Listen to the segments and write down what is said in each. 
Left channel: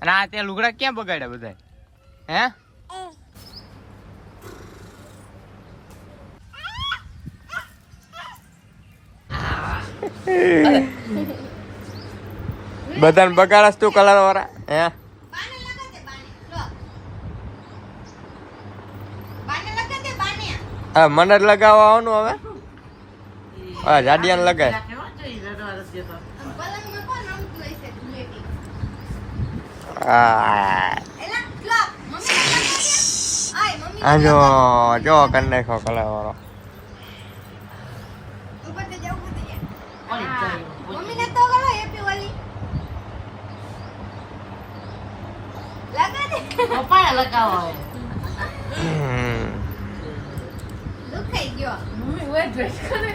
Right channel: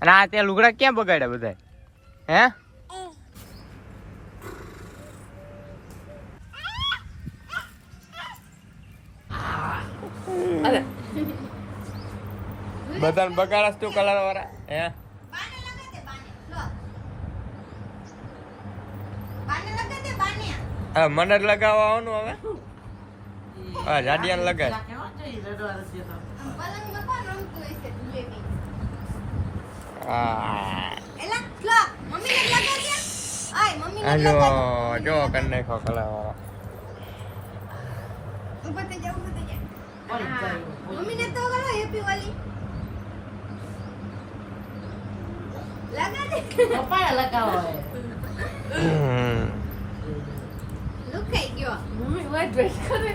અને આ ત્યાં લુગડા ક્યાં બગાડ્યા બધા હે? બધાને બગાડસ તું કલર વાળા હે? હા મને જ લગાવવા આવવાનું હવે. હા જાડિયાને લગાય. હા જો કરી નાખો કલર વાળો. મમ્મીને તો ગયો હેપી હોલી લગા દે પપ્પા લગાવો લુખાઈ ગયો મમ્મી વેટ વેટ કરે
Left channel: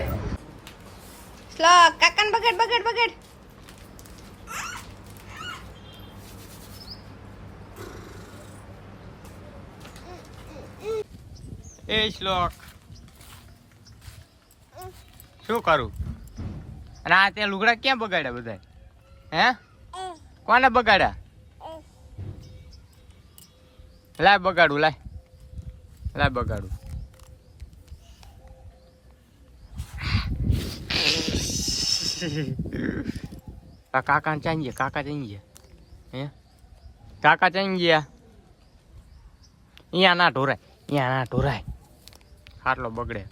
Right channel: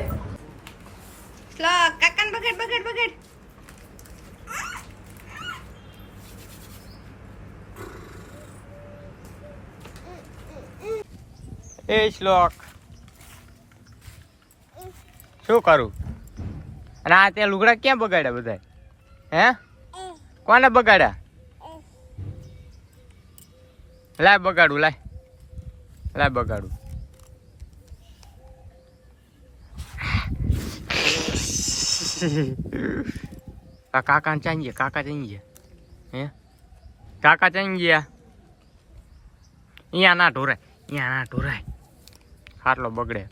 સ્લો કાકાન બગડ બગડ બગડ એ શ્લોક શું કરું? અને આ ત્યાં લુગડા ક્યાં બગાડ્યા બધા હે? કોને બગાડ્યા? લાય બગાડું લાય બગાડું. કાકા ચાઈ ગયા કાકા ચાઈ ગયા હે? કાકા ચાઈ ગયા. અહીંયા ના ઢોરાય ખાટલો બગડે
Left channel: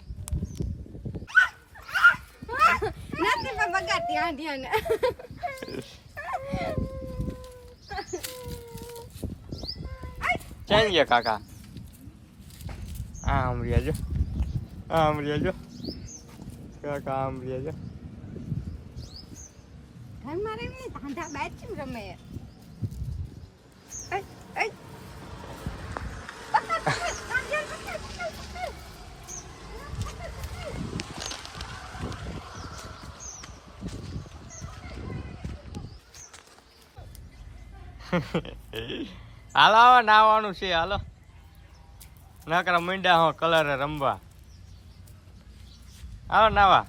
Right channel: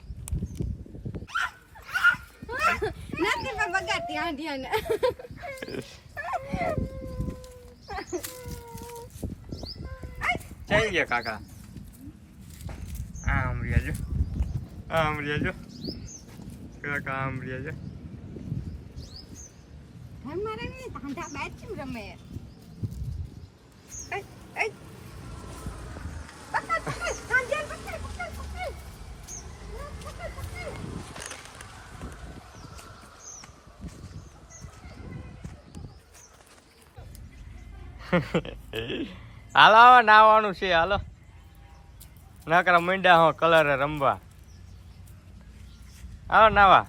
નથી પણ બગાડતી આંડિયાને ચાઈ ગયા કાકા. આમ રહ્યા જો કાકા આમ રહ્યા જો. ઘર મારે ને ધાંધા બેટ કેમ રમે હાલો હવે નાવાનું છે હાલો. નકરા મીંડા હો કલર રમવા. આવો નાવા.